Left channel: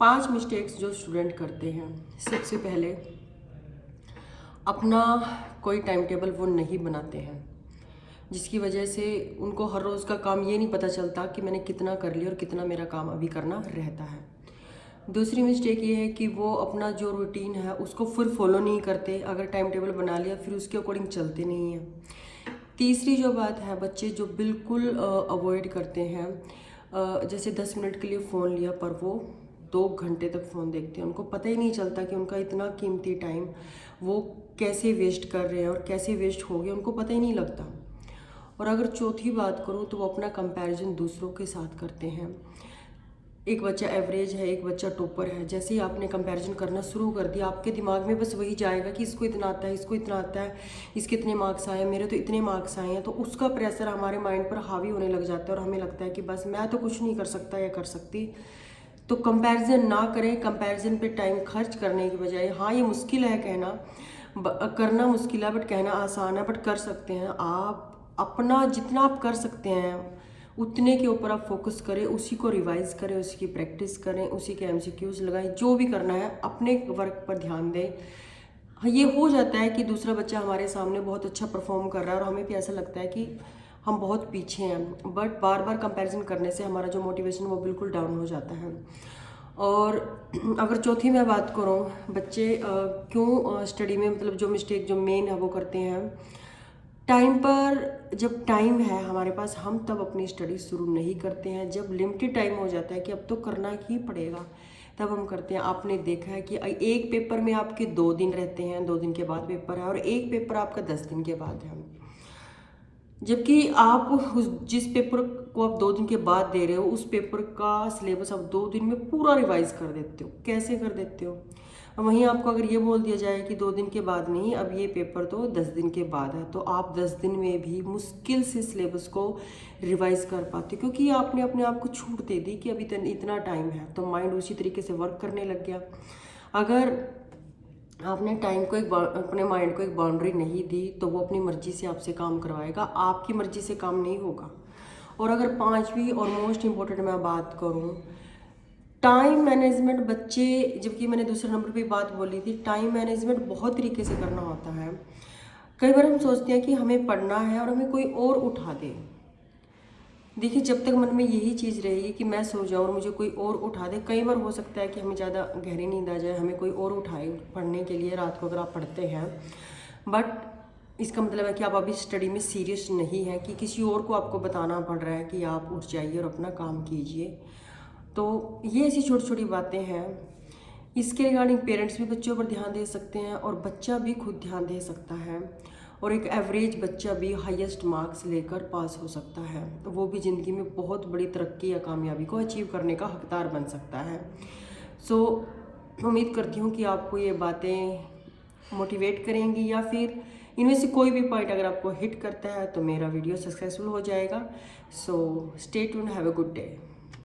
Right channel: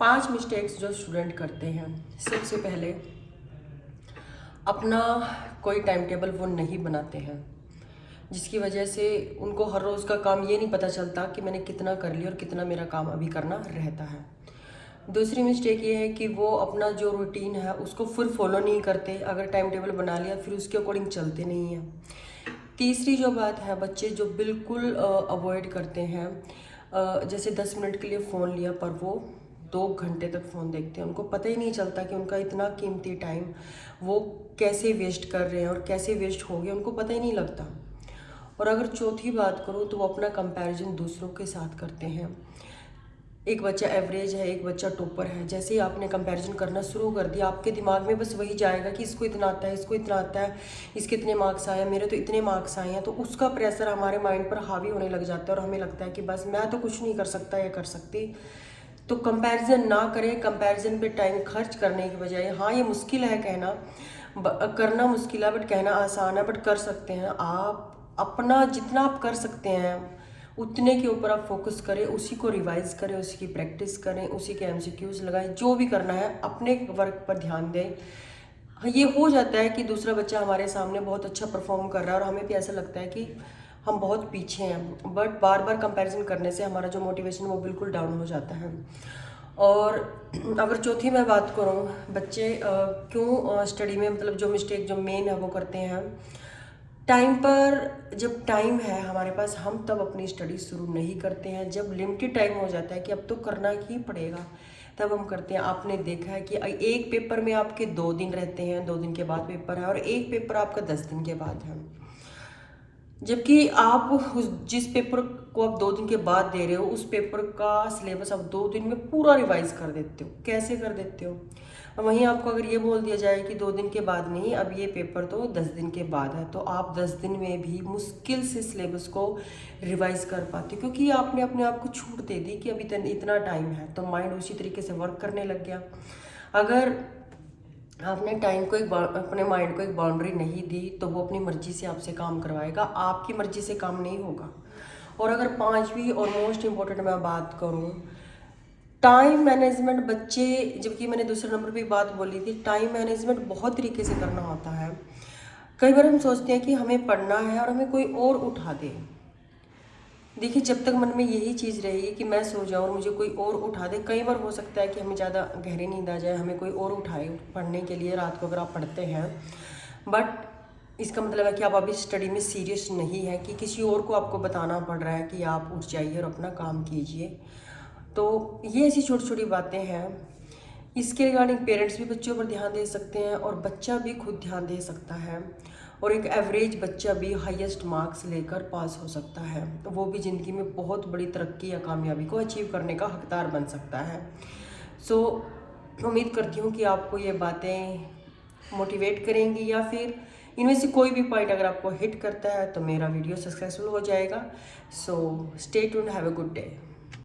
5 mistakes जो student करते हैं। सबसे पहले अपना कोई टाइम टेबल वो नहीं बनाते हैं, जिसकी वजह से उनको हर रोज़ का काम ये नहीं पता चलता कि मैंने कितना कर लिया और कितना मेरा काम अभी करना रहता है। दूसरी मिस्टेक ये है कि वो अपना जो रूटीन है उसको फिर फॉलो नहीं करते। अगर टाइम टेबल बना लिया फिर उसके अकॉर्डिंग चलते नहीं हैं। तीसरी जो बात है, बच्चे जो बिल्कुल अवॉइड करते हैं, जैसे 10 मिनट के लिए फ़ोन लिया पर वो 2 घंटे तक फ़ोन देखते हैं। उनको पता ही नहीं चलता कि उनका इतना कीमती टाइम वो कैसे वेस्ट कर रहे हैं और कैसे वेस्ट हो गया, उनको पता ही नहीं लगता। और अगर चौथी बात करूँ तो वो अपना कंपैरिजन दूसरों के साथ करते हैं। एक बच्चा एवरेज है, एक बच्चा टॉपर है, जैसे ही आपने कंपैरिजन करना शुरू कर दिया आपके दिमाग में बस वही जाएगा कि इसको इतना आता है, इसको इतना आता है, इसके इतने मार्क्स आए हैं, मेरे तो इतने मार्क्स आए हैं। तो उसका प्रेशर हमारे माइंड पर हावी होने लग जाता है और हमें लगता है कि बस मैं तो कुछ नहीं कर सकता या कर सकती। तो कंपैरिजन ना करें। कंपैरिजन पे टाइम खर्च करने की बजाय, हाँ ये मुश्किल है कहना, करना मुश्किल है बट कहना आसान है, बट कर सकते हैं आप। अपना जितना आप कर सकते हैं उतने के ऊपर आप फोकस करें, उसी को रिवाइज करें, उसी की प्रैक्टिस करें, उसी के एमसीक्यूज लगाएं, जो भी करना है अपने वर्क पर ध्यान दें। हाँ, ये हो जाता है कि दूसरा बच्चा हमारे सामने बहुत अच्छा परफॉर्म कर रहा है और हमें भी ऐसा लगता है कि हम बहुत पीछे हैं, बट बार बार कंपैरिजन करने से हमारा जो मोटिवेशन वो बिल्कुल डाउन हो जाता है। और अगर चौथी मैं बात करूँ, बच्चे क्यों स्टडी में मतलब जो मिस्टेक जो मेन है वो करते हैं, टाइम पर जब टाइम है हमारे पास हम तब अपनी स्टडी शुरू नहीं करते हैं। जब लिमिटेड टाइम हो जाता है कि अब तो करना ही पड़ेगा तब हम करते हैं। आपने देखा है कि एक पेपर में आपके 2 दिन रहते हैं, 2 दिन के बाद पेपर है, और एक पेपर आपका 10 दिन के बाद है। जबकि आप जिस पेपर को आप 2 दिन के बाद दे रहे हो उस पेपर का सिलेबस आप 2 दिन में पूरा रिवाइज कर देते हो। कैसे कर देते हो? वहीं आपको अगर ये बोल दिया जाए कि 2 दिन के बाद नहीं, अब ये पेपर तो 10 दिन के बाद है, तो आप 10 दिन में भी मुश्किल से सिलेबस को रिवाइज कर पाते हो, क्योंकि आपने अपने आप को छूट दे दी कि अभी इतना टाइम है, तो माइंड उसी तरीके से वर्क करने लग गया। अगर आपने टाइम को अपने माइंड को एक बाउंड्री नहीं दी तो वो अपनी मर्जी से आपसे काम करवाएगा, आपकी मर्जी से काम नहीं होगा। और अगर पांचवी और मोस्ट इम्पोर्टेंट मैं बात करूँ, टाइम मैनेजमेंट, बच्चे, जबकि मैंने दूसरे नंबर पे बात बोली थी, टाइम मैनेजमेंट बहुत तरीके से करना होता है। कई बार हम सोचते हैं कि हमें पढ़ना है और हमें कोई और उठा दे। देखिए, जब तक मन में यही चीज़ रहेगी कि मैं सो जाऊँ और मुझे कोई और उठा दे, कई बार हो सकता है कि हमें ज़्यादा गहरी नींद आ जाए, हमें कोई और उठाए पढ़ने के लिए रात को अगर आप पढ़ते हैं, बट इसका मतलब है कि आप अभी स्टडी में सीरियस नहीं है, कि किसी और को आपको बताना पड़ रहा है कि आप उठ जाइए और अपना काम कीजिए। तो ये ऐसी छोटी छोटी बातें हैं। इसके रिगार्डिंग पेरेंट्स भी बच्चों पर ध्यान दे सकते हैं और बच्चा भी खुद ध्यान दे सकता है, और एक एवरेज बच्चा भी हाईएस्ट मार्क्स लेकर पास हो सकता है, वो भी ज़िंदगी में बहुत बड़ी तरक्की या कामयाबी को अचीव करने का हकदार बन सकता है। सो उम्मीद करती हूँ कि आपको ये बातें मोटिवेट करेंगी, या फिर इनमें से कोई भी पॉइंट अगर आपको हिट करता है तो मेरा वीडियो सक्सेसफुल हो जाएगा। So stay tuned, have a good day.